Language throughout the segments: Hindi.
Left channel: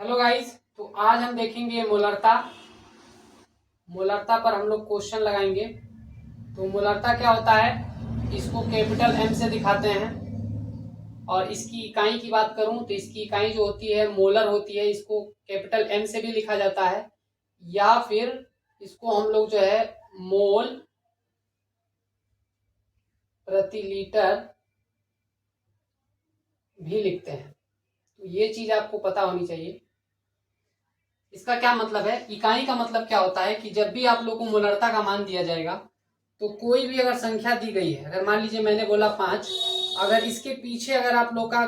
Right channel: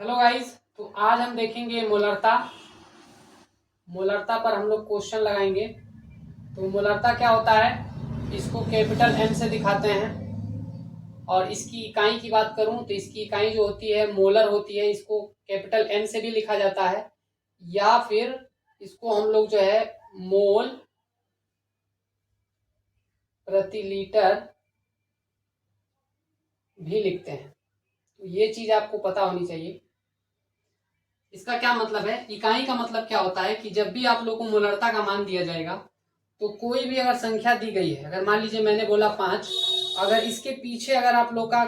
हेलो गाइस, तो आज हम देखेंगे मोलरता। मोलरता पर हम लोग क्वेश्चन लगाएंगे। तो मोलरता क्या होता है, इसको कैपिटल एम से दिखाते हैं। और इसकी इकाई की बात करूं तो इसकी इकाई जो होती है मोलर होती है। इसको कैपिटल एम से भी लिखा जाता है, या फिर इसको हम लोग जो है मोल प्रति लीटर भी लिखते हैं। तो ये चीज आपको पता होनी चाहिए। इसका क्या मतलब है, इकाई का मतलब क्या होता है कि जब भी आप लोग को मोलरता का मान दिया जाएगा तो कोई भी अगर संख्या दी गई है, अगर मान लीजिए मैंने बोला 5, अगर इसके पीछे अगर आप लोग का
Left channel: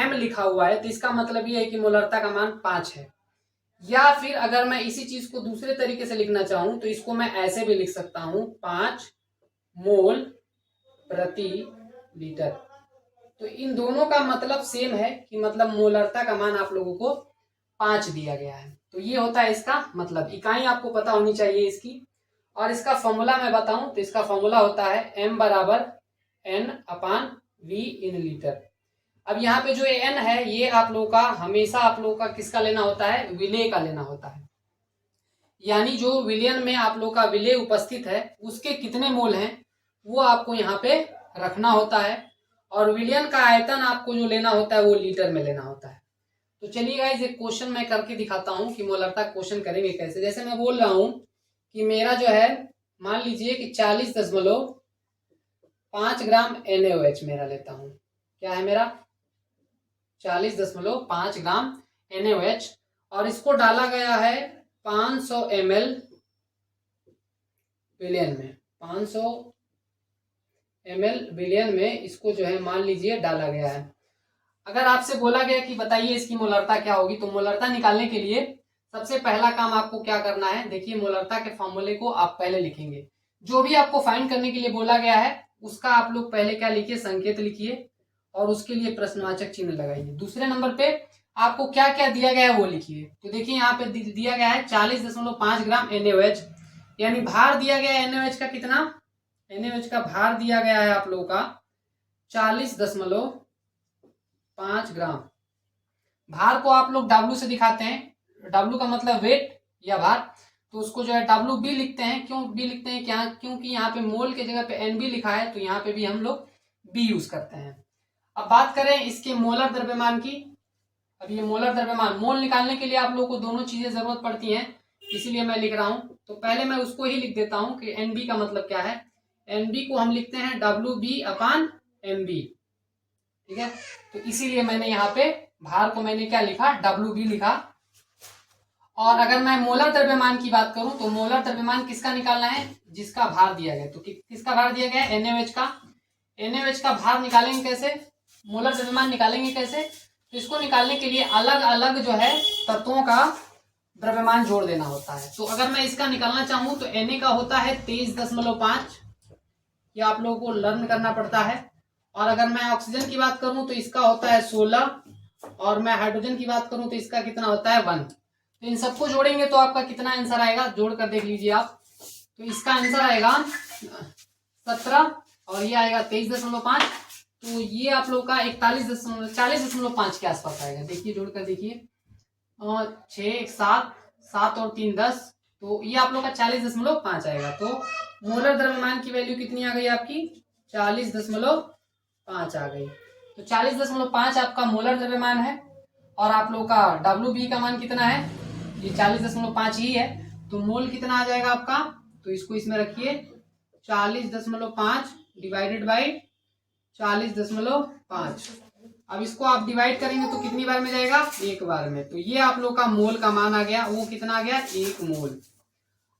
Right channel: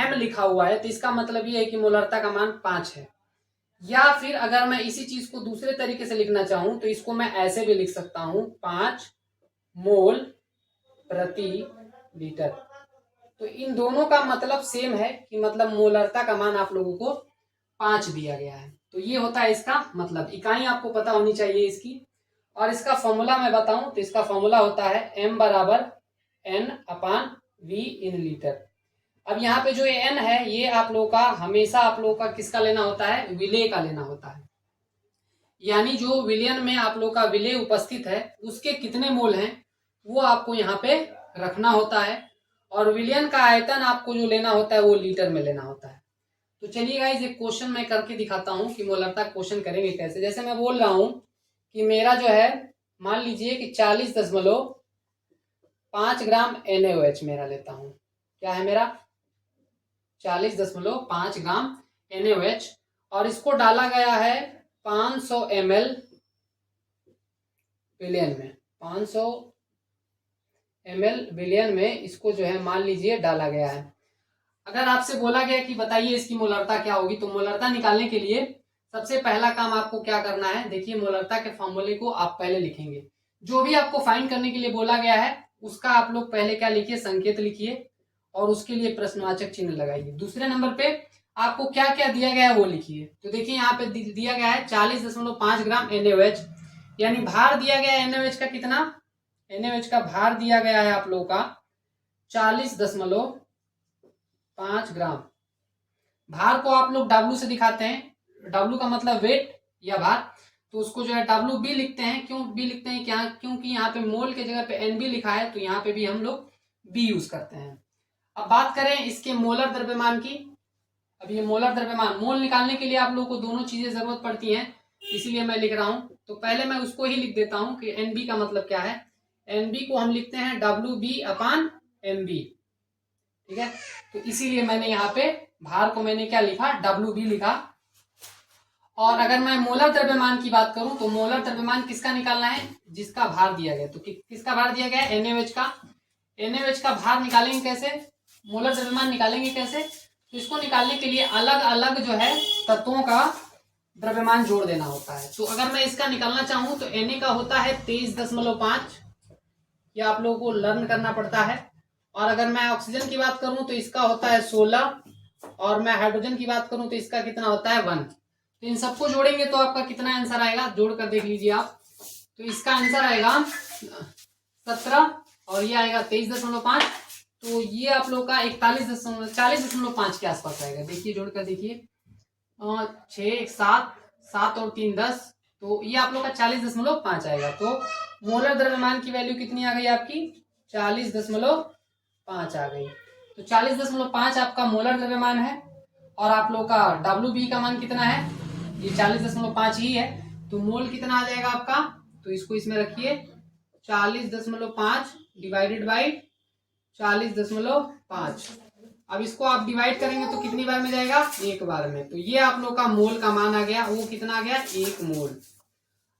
m लिखा हुआ है तो इसका मतलब ये है कि मोलरता का मान 5 है। या फिर अगर मैं इसी चीज को दूसरे तरीके से लिखना चाहूं तो इसको मैं ऐसे भी लिख सकता हूं, 5 मोल प्रति लीटर। तो इन दोनों का मतलब सेम है कि मतलब मोलरता का मान आप लोगों को 5 दिया गया है। तो ये होता है इसका मतलब। इकाई आपको पता होनी चाहिए इसकी। और इसका फॉर्मूला मैं बताऊं तो इसका फॉर्मूला होता है m बराबर n upon v in litre. अब यहाँ पे जो n है ये आप लोगों का हमेशा आप लोगों का किसका लेना होता है, विलेय का लेना होता है। यानी जो विलयन में आप लोग का विलेय उपस्थित है उसके कितने मोल हैं वो आपको यहाँ पे रखना होता है। और विलयन का आयतन आपको जो लेना होता है वो लीटर में लेना होता है। तो चलिए गाइस एक क्वेश्चन मैं करके दिखाता हूँ कि मोलरता क्वेश्चन करेंगे कैसे। जैसे मैं बोल रहा हूँ कि मेरा जो है, मान लीजिए कि 40.5 ग्राम NaOH मेरा लेता हूँ। क्या है मेरा, 40.5 ग्राम NaOH। और इसको डाला गया है 500 ml विलियन में। 500 ml विलियन में इसको जो है मान लीजिए डाला गया है। अगर आपसे बोला गया कि बताइए इसकी मोलरता क्या होगी, तो मोलरता निकालने के लिए सबसे पहला काम आपको क्या करना है, देखिए मोलरता के फॉर्मूले को आप पहले लिखेंगे। जो भी आपको फाइंड करने के लिए बोला गया है उसका आप लोग पहले क्या लिखिए, संकेत लिखिए और उसके लिए प्रश्नवाचक चिन्ह लगाइए। दूसरे नंबर पे आपको क्या क्या दिया गया है वो लिखिए। तो देखिए यहाँ पे दिया गया है 40.5 ग्राम NaOH, यानी भार दिया गया है NaOH का कितना, NaOH का भार दिया गया है आप लोगों का 40.5 ग्राम। भार को आप लोग W से दिखाते हैं, W का मतलब वेट या भार। तो उसको जो है WB लिखते हैं। क्यों B लिखते हैं, क्या, क्योंकि यहाँ पे मोल के जगह पे NB लिखा है तो यहाँ पे भी हम लोग B यूज करते हैं। अब बात करें इसके मोलर द्रव्यमान की। अब ये मोलर द्रव्यमान, मोल निकालने के लिए आप लोगों को दोनों चीजें जरूरत पड़ती हैं, इसीलिए मैं लिख रहा हूं। तो पहले मैं उसको ही लिख देता हूं कि NB का मतलब क्या है। NB को हम लिखते हैं WB अपान MB, ठीक है। तो इसीलिए मैंने यहाँ पे भार को मैंने क्या लिखा, WB लिखा। और अगर मैं मोलर द्रव्यमान की बात करूं तो मोलर द्रव्यमान किसका निकालना है, जिसका भार दिया गया। तो किसका भार दिया गया है, NaOH का। NaOH का भार निकालेंगे कैसे, मोलर द्रव्यमान निकालेंगे कैसे, तो इसको निकालने के लिए अलग अलग जो है तत्वों का द्रव्यमान जोड़ देना होता है। तो अगर मैं इसका निकालना चाहूं तो Na का होता है 23.5, ये आप लोगों को लर्न करना पड़ता है। और अगर मैं ऑक्सीजन की बात करूं तो इसका होता है 16, और मैं हाइड्रोजन की बात करूं तो इसका कितना होता है 1। तो इन सबको जोड़ेंगे तो आपका कितना आंसर आएगा, जोड़कर देख लीजिए आप। तो इसका आंसर आएगा 17 और ये आएगा 23.5। तो ये आप लोग का 40.5 के आसपास आएगा। देखिए जोड़कर देखिए, 6 7 7 और 3 10, तो ये आप लोग का 40.5 आएगा। तो मोलर द्रव्यमान की वैल्यू कितनी आ गई आपकी, 40.5 आ गई। तो 40.5 आपका मोलर द्रव्यमान है। और आप लोग का WB का मान कितना है, ये 40.5 ही है। तो मोल कितना आ जाएगा आपका, तो इसको इसमें रखिए, 40.5 डिवाइडेड बाई 40.5। अब इसको आप डिवाइड करेंगे तो कितनी बार में जाएगा, एक बार में। तो ये आप लोग का मोल का मान आ गया, वो कितना आ गया, 1 मोल।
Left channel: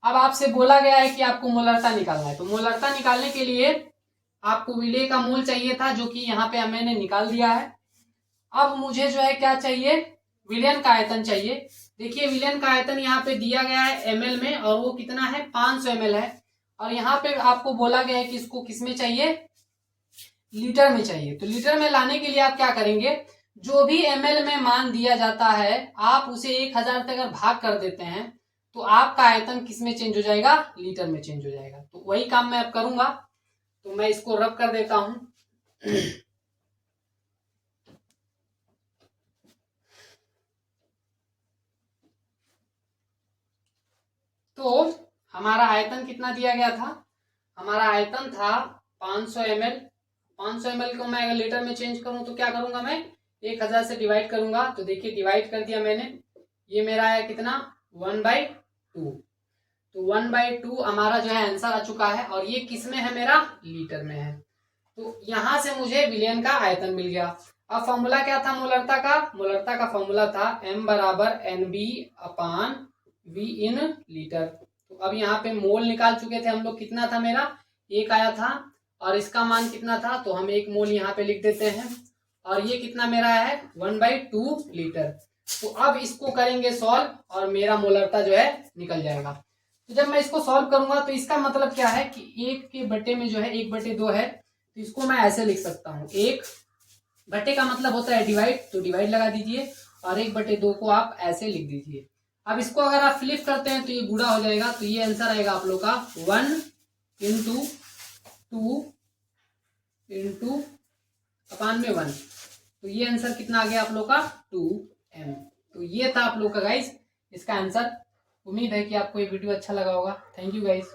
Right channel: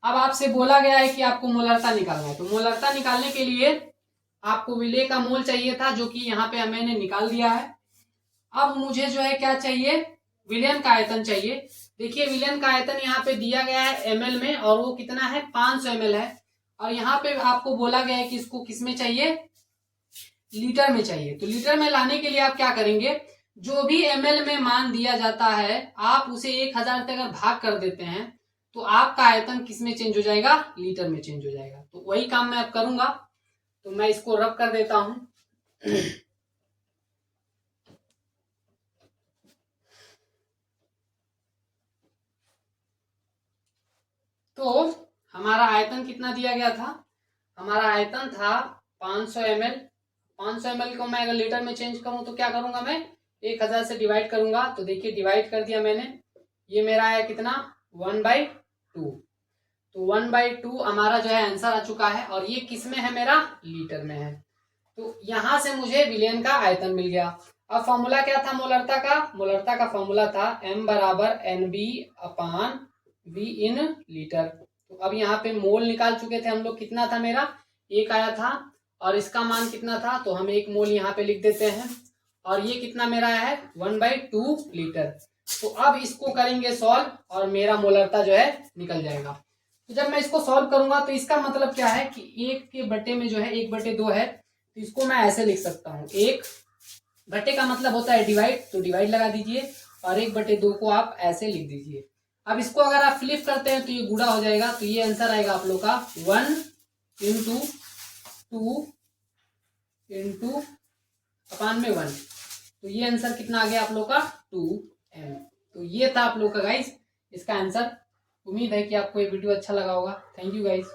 अब आपसे बोला गया है कि आपको मोलरता निकालना है। तो मोलरता निकालने के लिए आपको विलेय का मोल चाहिए था, जो कि यहाँ पे मैंने निकाल दिया है। अब मुझे जो है क्या चाहिए, विलयन का आयतन चाहिए। देखिए विलयन का आयतन यहाँ पे दिया गया है ml में, और वो कितना है, 500 ml है। और यहाँ पे आपको बोला गया है कि इसको किस में चाहिए, लीटर में चाहिए। तो लीटर में लाने के लिए आप क्या करेंगे, जो भी ml में मान दिया जाता है आप उसे 1000 से अगर भाग कर देते हैं तो आपका आयतन किस में चेंज हो जाएगा, लीटर में चेंज हो जाएगा। तो वही काम मैं अब करूंगा। तो मैं इसको रब कर देता हूं। हमारा आयतन कितना दिया गया था, हमारा आयतन था 500 ml। 500 ml को मैं अगर लीटर में चेंज करूं तो क्या करूंगा, मैं 1000 से डिवाइड करूंगा। तो देखिए डिवाइड कर दिया मैंने, ये मेरा है कितना 1/2। तो 1/2 हमारा जो है आंसर आ चुका है, और ये किस में है, मेरा लीटर में है। तो यहां से मुझे विलयन का आयतन मिल गया। अब फॉर्मूला क्या था मोलरता का, मोलरता का फॉर्मूला था m बराबर NB/V इन लीटर। तो अब यहाँ पे मोल निकाल चुके थे हम लोग, कितना था मेरा 1 आया था, और इसका मान कितना था, तो हम 1 मोल यहाँ पे लिख देते हैं, और ये कितना मेरा है 1/2 लीटर। तो अब इसको करेंगे सॉल्व, और मेरा मोलरता जो है निकल जाएगा। तो जब मैं इसको सॉल्व करूंगा तो इसका मतलब क्या है कि 1 के बटे में जो है 1/2 है, तो इसको मैं ऐसे लिख सकता हूँ, 1 बटे का मतलब होता है डिवाइड, तो डिवाइड लगा दीजिए, और 1/2 को आप ऐसे लिख दीजिए। अब इसको अगर आप फ्लिप करते हैं तो ये गुणा हो जाएगा, तो ये आंसर आएगा आप लोग का 1 × 2 × अपान में 1। तो ये आंसर कितना आ गया आप लोग का 2m। तो ये था आप लोग का गाइस इसका आंसर। उम्मीद है कि आपको ये वीडियो अच्छा लगा होगा। Thank you guys.